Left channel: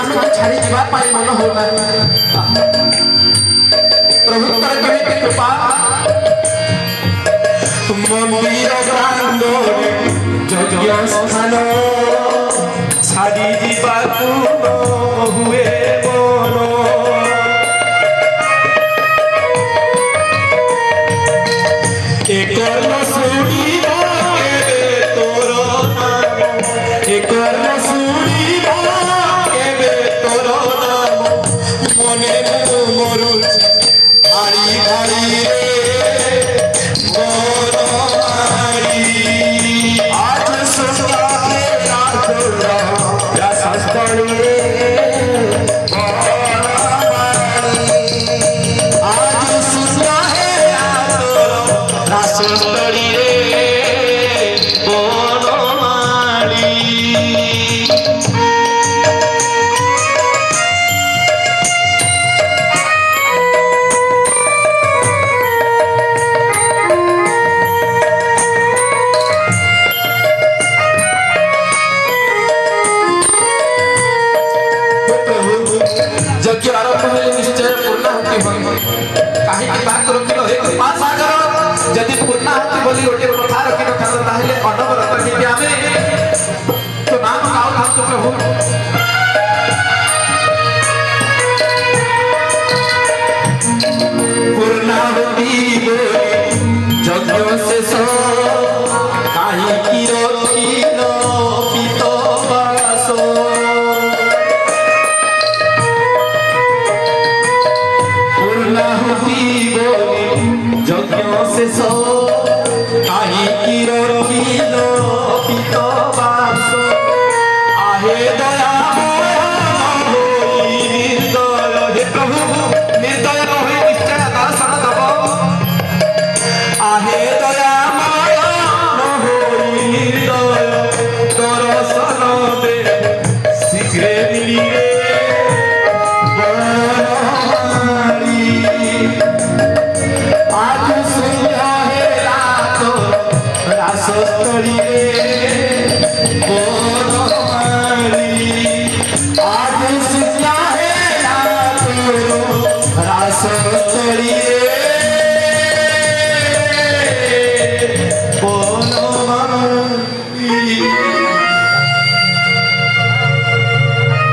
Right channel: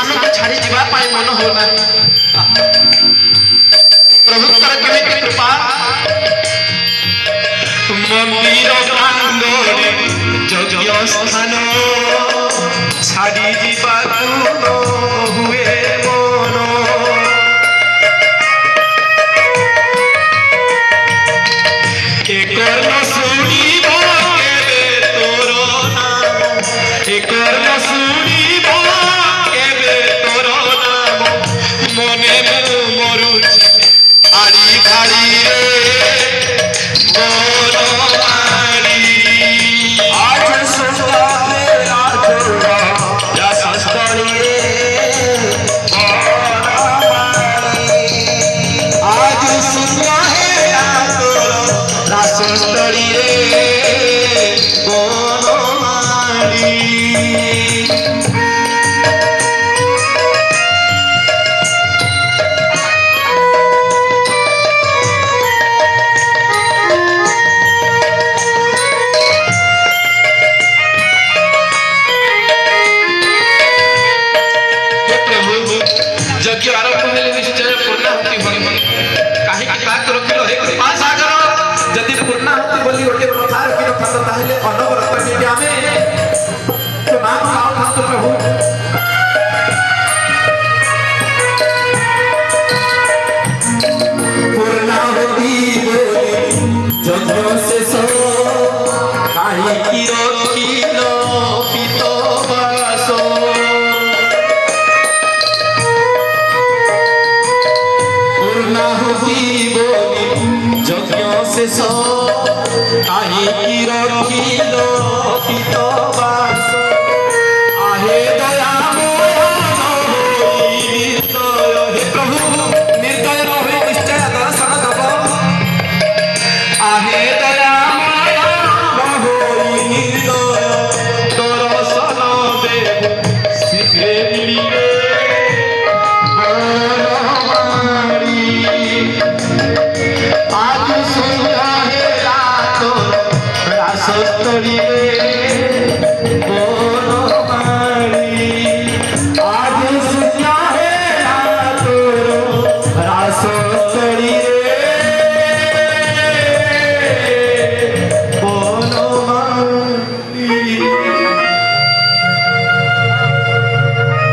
स्थान को छाड़ी जीवा पाई मन होना प्रभुत्तर केमिति कृपा मंदिर प्रांगणे यज्ञ स्थान छाड़ी जीवा हुए मन एकर्ण सुनिबा केबे तोर नाम एकर्ण सुनिबा केबे तोर नाम मने मरुछि आड़ी भाड़ी रे बनमारी आज सुनाले आचरा रासस्थली रे बनमारी आज सुनाले आचरा रासस्थली रे बनमारी यज्ञ आरंभ हेले निश्चय पूर्णाहुति होई काहे की बात रखिलो हे कृपा सागर यदि पूर्णाहुति बोली गोटे कथा रखिलो थालो ताहेले अनवरत कि आमे तो नाम गाओ हम तो प्रभु पूर्णाहुति यज्ञ शेष काहे की रखिलो पितो वासो यज्ञ शेष काहे की रखिलो पितो वास आहे दया हे प्रभु निर्दय होई निश्चय दर्शन दब आहे दया होई निर्दय दर्शन दे शीघ्र मिलिले आज सुना है रातो रासस्थली रे बनमारी आज सुना है रातो रास